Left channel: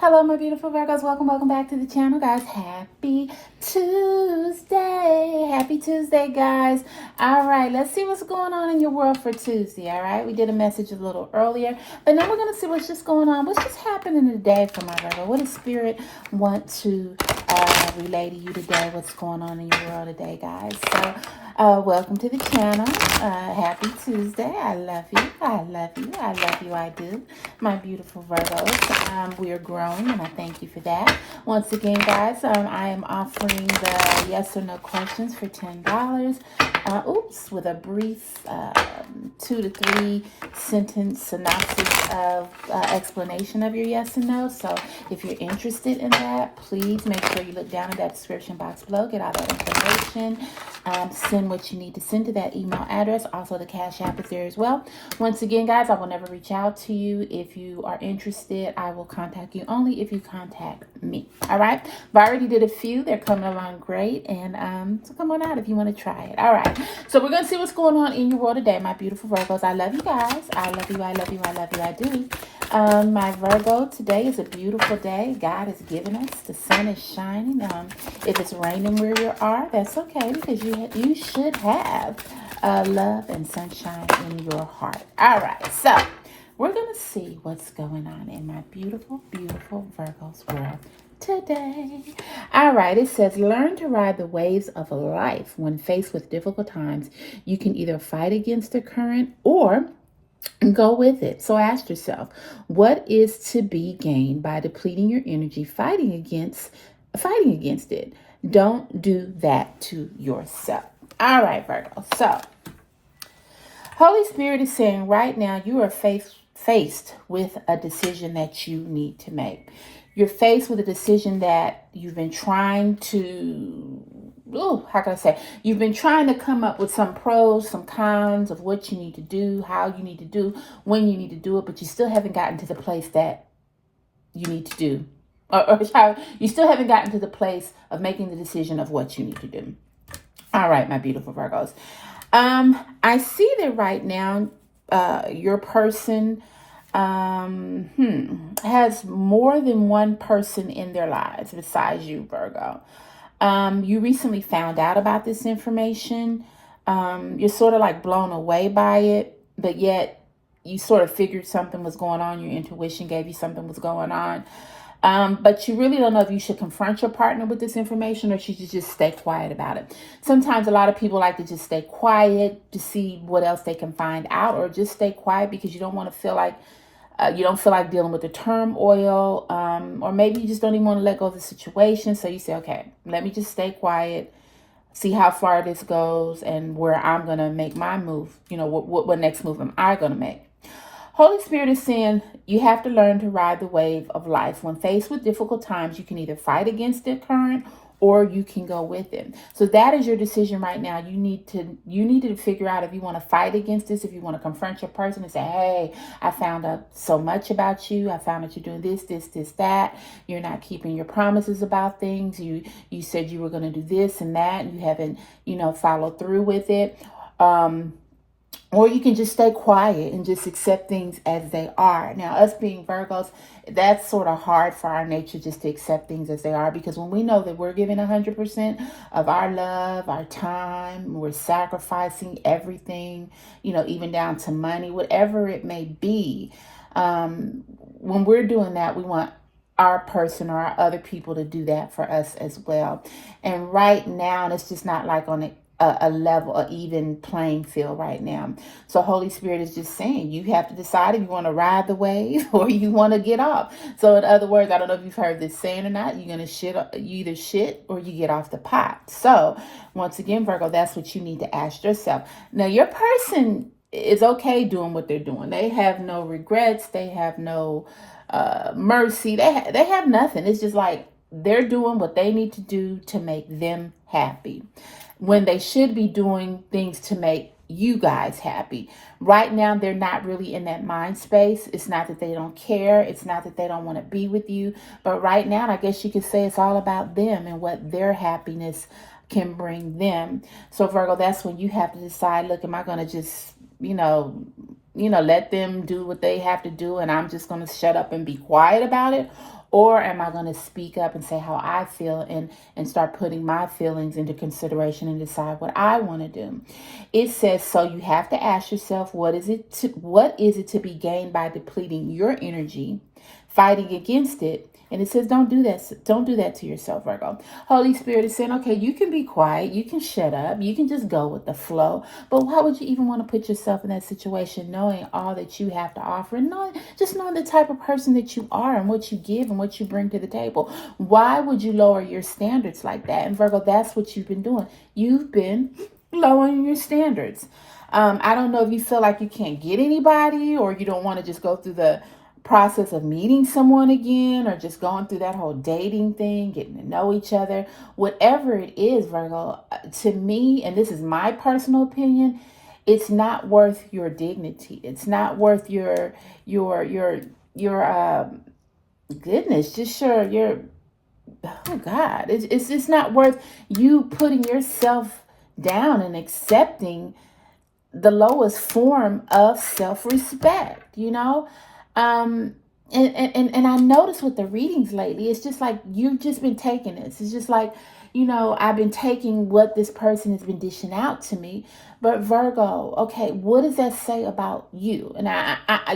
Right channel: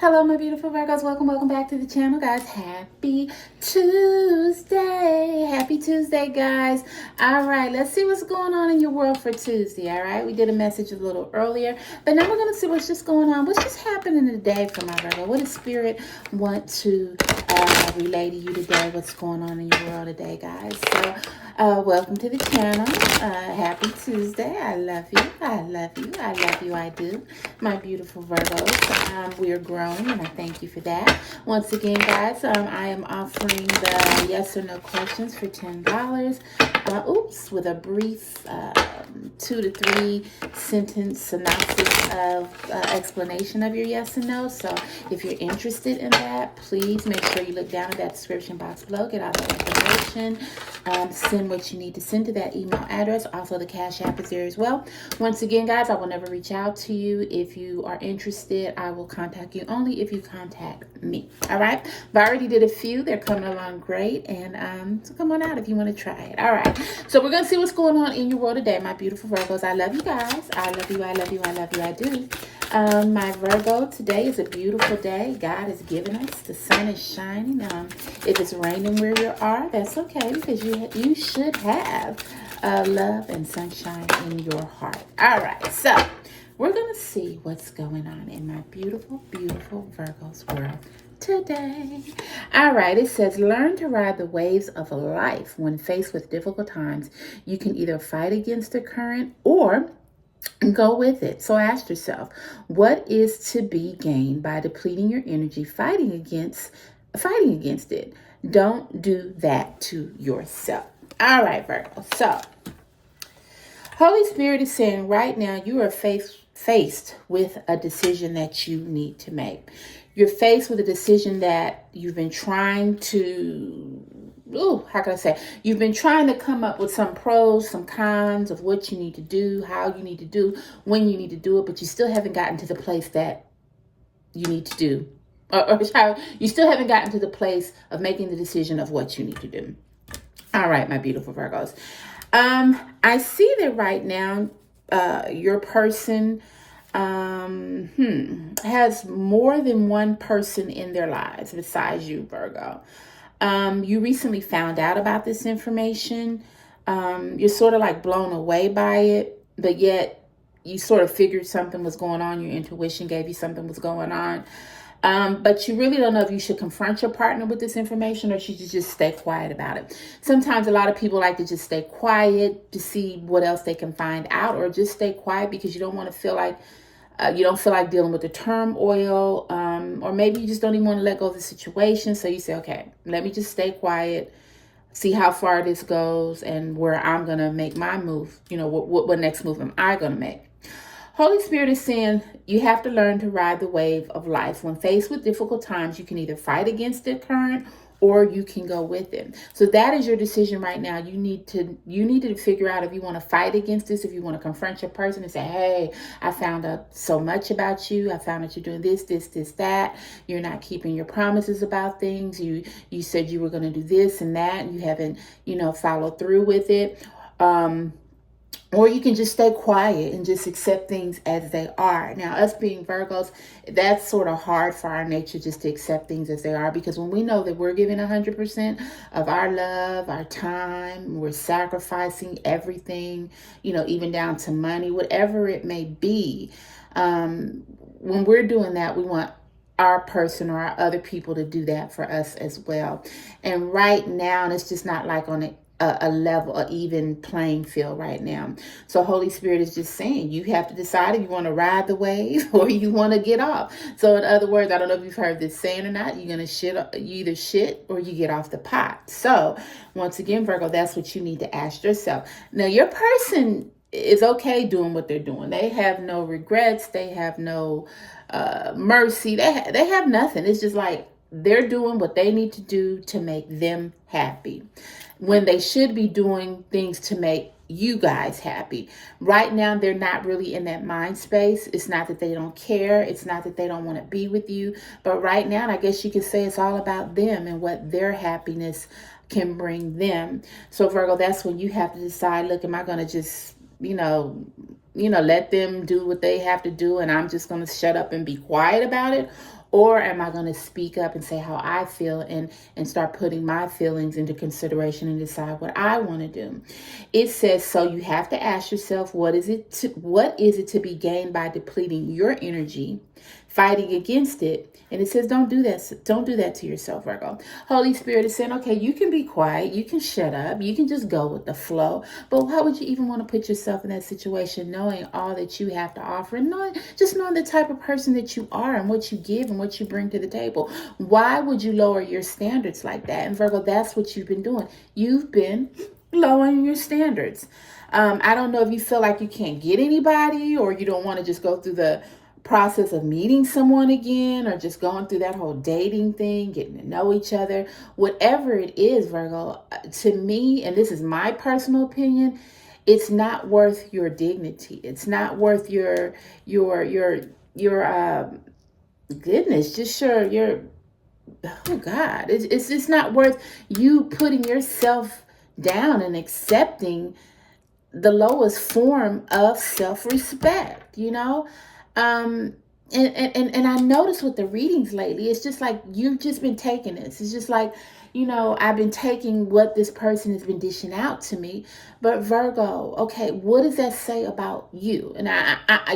Hello, my beautiful Virgos. Welcome back to the channel, guys. Happy Tuesday. Happy Tuesday, guys. All right, let's see what's going on in your world for Tuesday, all right? We did a message a little earlier, but now we're going to see what's just going on. What's just happening today for my Virgo? What does Spirit want to relay to you today? What's going on in your world today, guys? So, welcome to the channel. Happy Tuesday. I love you. I love you. I love you. I do. My beautiful Virgos. We are growing, and I thank you for that. Once again, guys, I am offering the yes or no questions for $10. With a brief 2 to 3 sentence synopsis of explanation of your yes and no. So if you're interested in that, please make sure you look down in that description box below. Get all that information. Send what you need to send to that email address. Also, the Cash App is there as well. Once again, guys, I will never reach out to you. If you are interested, I will contact you only if you contact me. All right? I already did a few. They're coming along great. And so come on out if you want to try it. All right. So we're going to see what's going on in your world today, my beautiful Virgos. I love you guys. I love you. I love you. I love you. I do. My Virgo, today is a beautiful day. God has given us. The sun is shining. If it's raining where you are, that's okay, because you should have love and sunshine in your heart. All right, so we're going to see what's going on in my beautiful, beautiful Virgo's world today. All right, it says, learn to ride the waves of life. When faced with difficult times, you can either fight against the current or go with it. So ask yourself, what is to be gained by depleting your energy fighting against it? Don't do that to yourself. All right, Virgo. So Holy Spirit is saying right now you are faced with a decision that you need to make. You're faced with a decision that you've been trying to, you've been trying to come up with some pros, some cons of what you need to do, how you need to do, when you need to do it, but you still haven't gotten to the place that you need to do. Or how you still haven't gotten to the place of making the decision of what you need to do. All right, my beautiful Virgos. I see that right now, your person has more than one person in their lives besides you, Virgo. You recently found out about this information. You're sort of like blown away by it, but yet you sort of figured something was going on. Your intuition gave you something was going on. But you really don't know if you should confront your partner with this information or should you just stay quiet about it. Sometimes a lot of people like to just stay quiet to see what else they can find out, or just stay quiet because you don't want to feel like you don't feel like dealing with the turmoil, or maybe you just don't even want to let go of the situation. So you say, okay, let me just stay quiet, see how far this goes and where I'm going to make my move. You know, what next move am I going to make? Holy Spirit is saying you have to learn to ride the wave of life. When faced with difficult times, you can either fight against the current or you can go with it. So that is your decision right now. You need to figure out if you want to fight against this, if you want to confront your person and say, hey, I found out so much about you. I found that you're doing this, that. You're not keeping your promises about things. You said you were going to do this and that, and you haven't, followed through with it. Or you can just stay quiet and just accept things as they are. Now, us being Virgos, that's sort of hard for our nature just to accept things as they are, because when we know that we're giving 100% of our love, our time, we're sacrificing everything, even down to money, whatever it may be. When we're doing that, we want our person or our other people to do that for us as well. And right now, it's just not like on a level, an even playing field right now. So Holy Spirit is just saying you have to decide if you want to ride the wave or you want to get off. So in other words, I don't know if you've heard this saying or not, you either shit or you get off the pot. So once again, Virgo, that's what you need to ask yourself. Now, your person is okay doing what they're doing. They have no regrets. They have no mercy. They have nothing. It's just like they're doing what they need to do to make them happy, when they should be doing things to make you guys happy. Right now, they're not really in that mind space. It's not that they don't care. It's not that they don't want to be with you. But right now, I guess you could say it's all about them and what their happiness can bring them. So Virgo, that's when you have to decide, look, am I going to just let them do what they have to do and I'm just going to shut up and be quiet about it? Or am I going to speak up and say how I feel and start putting my feelings into consideration and decide what I want to do? It says, so you have to ask yourself, what is it to be gained by depleting your energy, fighting against it? And it says, don't do that. Don't do that to yourself, Virgo. Holy Spirit is saying, okay, you can be quiet. You can shut up. You can just go with the flow. But why would you even want to put yourself in that situation, knowing all that you have to offer and knowing the type of person that you are and what you give and what you bring to the table? Why would you lower your standards like that? And Virgo, that's what you've been doing. You've been lowering your standards. I don't know if you feel like you can't get anybody, or you don't want to just go through the process of meeting someone again, or just going through that whole dating thing, getting to know each other. Whatever it is, Virgo, to me, and this is my personal opinion, it's not worth your dignity. It's not worth your goodness, just your oh God, it's just not worth you putting yourself down and accepting the lowest form of self-respect, and I noticed with the readings lately, it's just like you've just been taking this. It's just like, I've been taking what this person has been dishing out to me. But Virgo, okay, what does that say about you? And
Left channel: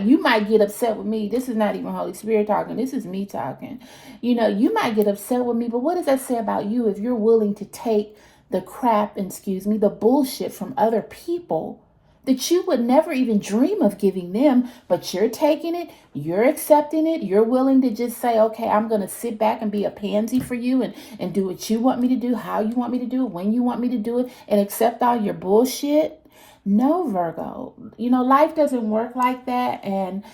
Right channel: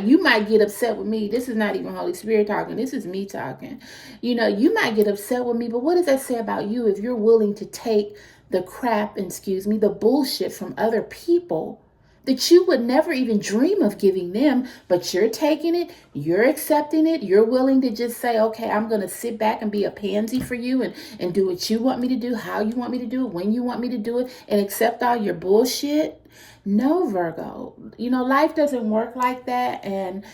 you might get upset with me. This is not even Holy Spirit talking. This is me talking. You might get upset with me, but what does that say about you if you're willing to take the crap, the bullshit from other people that you would never even dream of giving them, but you're taking it, you're accepting it, you're willing to just say, okay, I'm going to sit back and be a pansy for you and do what you want me to do, how you want me to do it, when you want me to do it, and accept all your bullshit? No, Virgo. Life doesn't work like that, and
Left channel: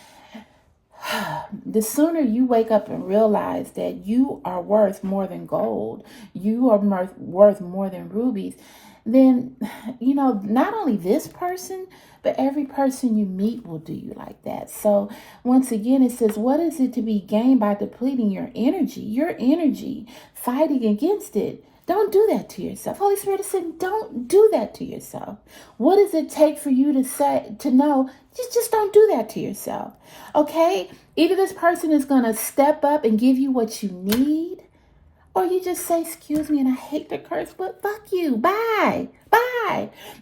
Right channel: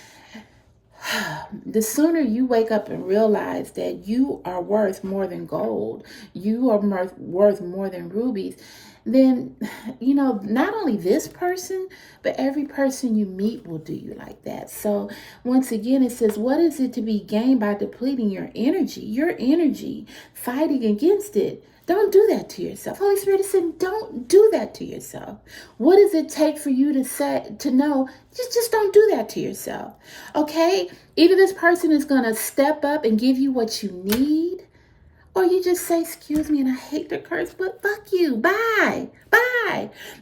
the sooner you wake up and realize that you are worth more than gold, you are worth more than rubies, then, not only this person, but every person you meet will do you like that. So once again, it says, what is it to be gained by depleting your energy, fighting against it? Don't do that to yourself. Holy Spirit is saying, don't do that to yourself. What does it take for you to know? Just don't do that to yourself. Okay? Either this person is going to step up and give you what you need, or you just say, excuse me, and I hate the curse, but fuck you. Bye.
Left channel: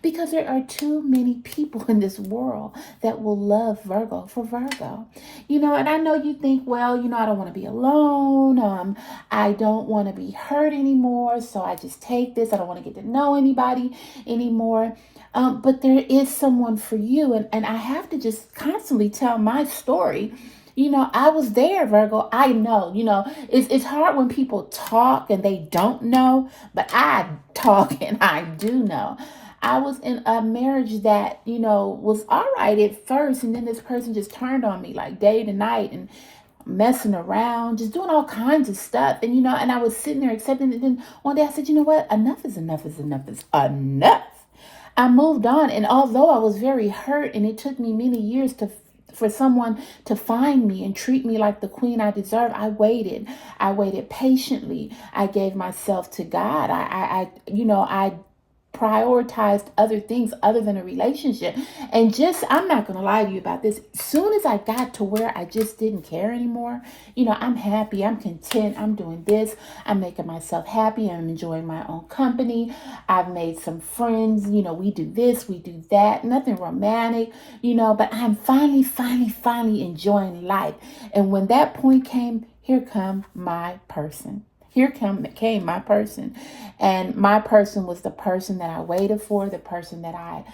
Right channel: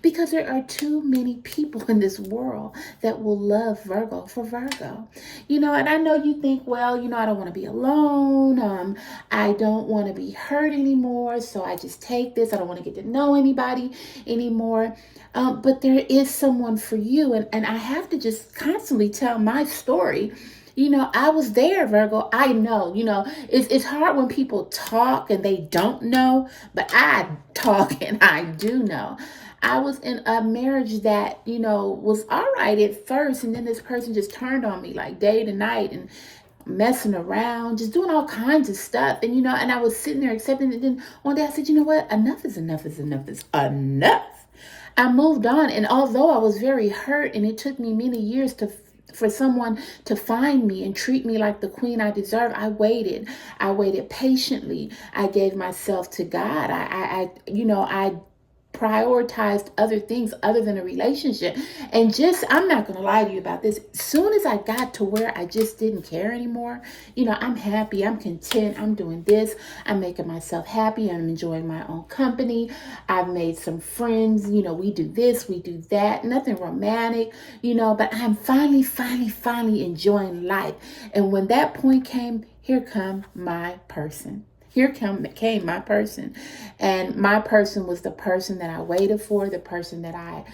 Because there are too many people in this world that will love Virgo for Virgo. And I know you think, well, I don't want to be alone. I don't want to be hurt anymore. So I just take this. I don't want to get to know anybody anymore. But there is someone for you. And I have to just constantly tell my story. I was there, Virgo. I know, it's hard when people talk and they don't know, but I talk and I do know. I was in a marriage that, was all right at first. And then this person just turned on me like day to night and messing around, just doing all kinds of stuff. And, and I was sitting there accepting it. Then one day I said, you know what? Enough is enough is enough is enough. I moved on. And although I was very hurt and it took me many years for someone to find me and treat me like the queen I deserve, I waited patiently. I gave myself to God. I prioritized other things other than a relationship. And I'm not going to lie to you about this. As soon as I got to where I just didn't care anymore, I'm happy, I'm content, I'm doing this, I'm making myself happy, I'm enjoying my own company, I've made some friends, we do this, we do that, nothing romantic, but I'm finally enjoying life. And when that point came, here come my person. Here came my person. And my person was the person that I waited for, the person that I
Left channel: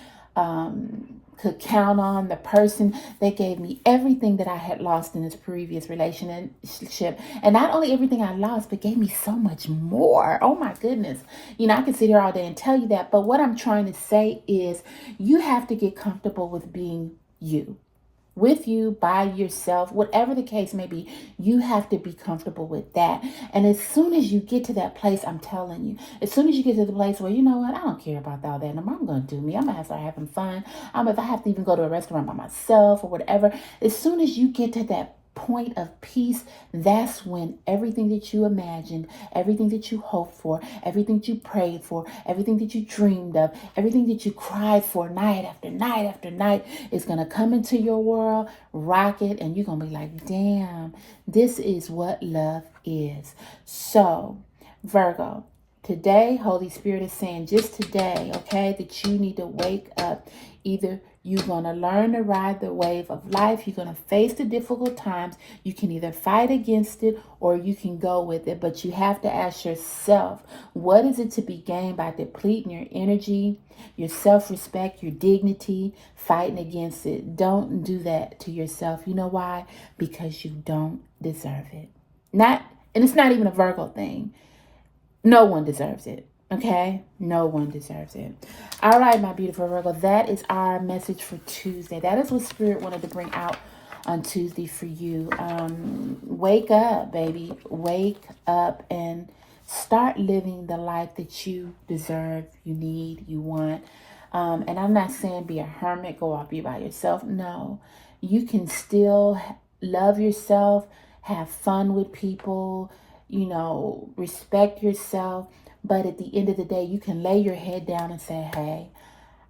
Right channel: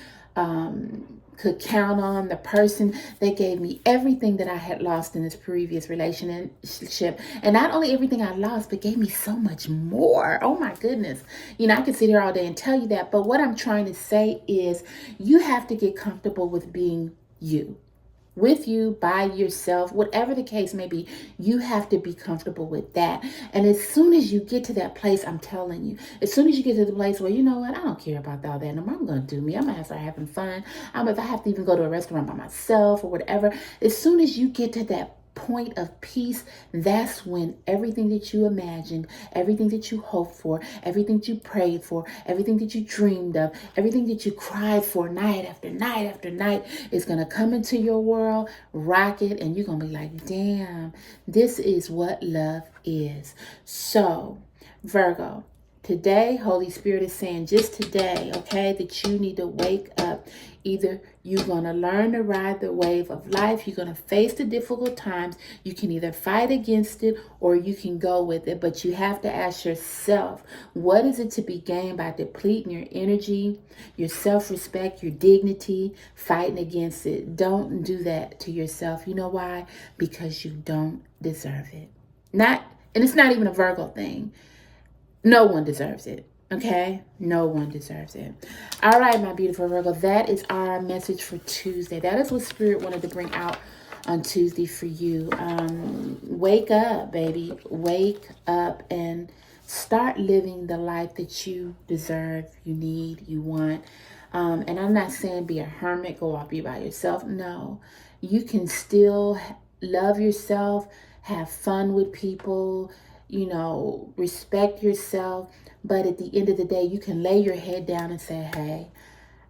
could count on, the person that gave me everything that I had lost in this previous relationship. And not only everything I lost, but gave me so much more. Oh my goodness. I could sit here all day and tell you that. But what I'm trying to say is you have to get comfortable with being you. With you, by yourself, whatever the case may be, you have to be comfortable with that. And as soon as you get to that place, I'm telling you, as soon as you get to the place where, you know what, I don't care about all that. I'm going to do me. I'm going to start having fun. If I have to even go to a restaurant by myself or whatever, as soon as you get to that point of peace, that's when everything that you imagined, everything that you hoped for, everything that you prayed for, everything that you dreamed of, everything that you cried for night after night after night is going to come into your world, rock it, and you're going to be like, damn, this is what love is. So, Virgo, today, Holy Spirit is saying just today, okay, that you need to wake up. Either you're going to learn to ride the wave of life. You're going to face the difficult times. You can either fight against it or you can go with it. But you have to ask yourself, what is it to be gained by depleting your energy, your self-respect, your dignity, fighting against it? Don't do that to yourself. You know why? Because you don't deserve it. And it's not even a Virgo thing. No one deserves it. Okay? No one deserves it. All right, my beautiful Virgo. That is our message for Tuesday. That is what Spirit wanted to bring out on Tuesday for you. Wake up, baby. Wake up and start living the life that you deserve, you need, you want. And I'm not saying be a hermit, go off, be by yourself. No. You can still love yourself, have fun with people, you know, respect yourself. But at the end of the day, you can lay your head down and say, hey,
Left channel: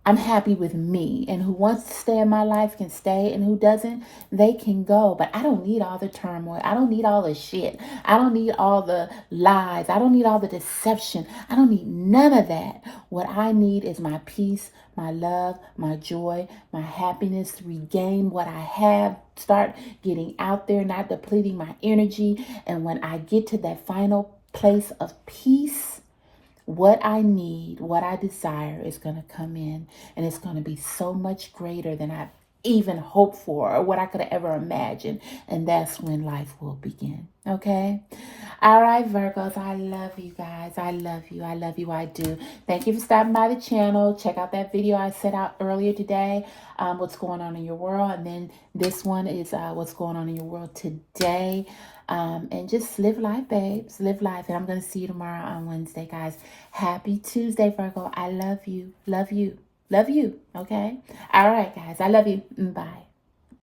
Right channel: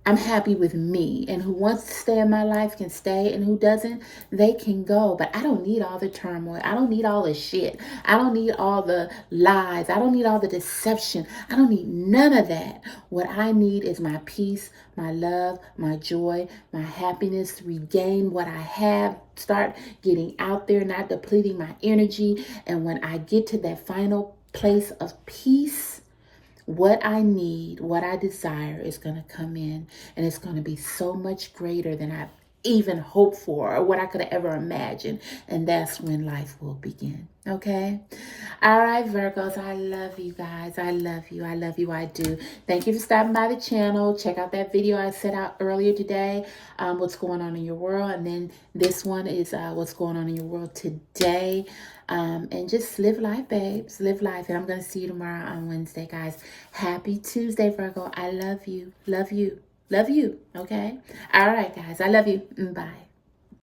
I'm happy with me. And who wants to stay in my life can stay. And who doesn't, they can go. But I don't need all the turmoil. I don't need all the shit. I don't need all the lies. I don't need all the deception. I don't need none of that. What I need is my peace, my love, my joy, my happiness, regain what I have, start getting out there, not depleting my energy. And when I get to that final place of peace, what I need, what I desire is going to come in, and it's going to be so much greater than I've even hoped for or what I could have ever imagined. And that's when life will begin. Okay? All right, Virgos, I love you guys. I love you. I love you. I do. Thank you for stopping by the channel. Check out that video I set out earlier today, what's going on in your world. And then this one is what's going on in your world today. And just live life, babes. Live life. And I'm going to see you tomorrow on Wednesday, guys. Happy Tuesday, Virgo. I love you. Love you. Love you. Okay? All right, guys. I love you. Bye.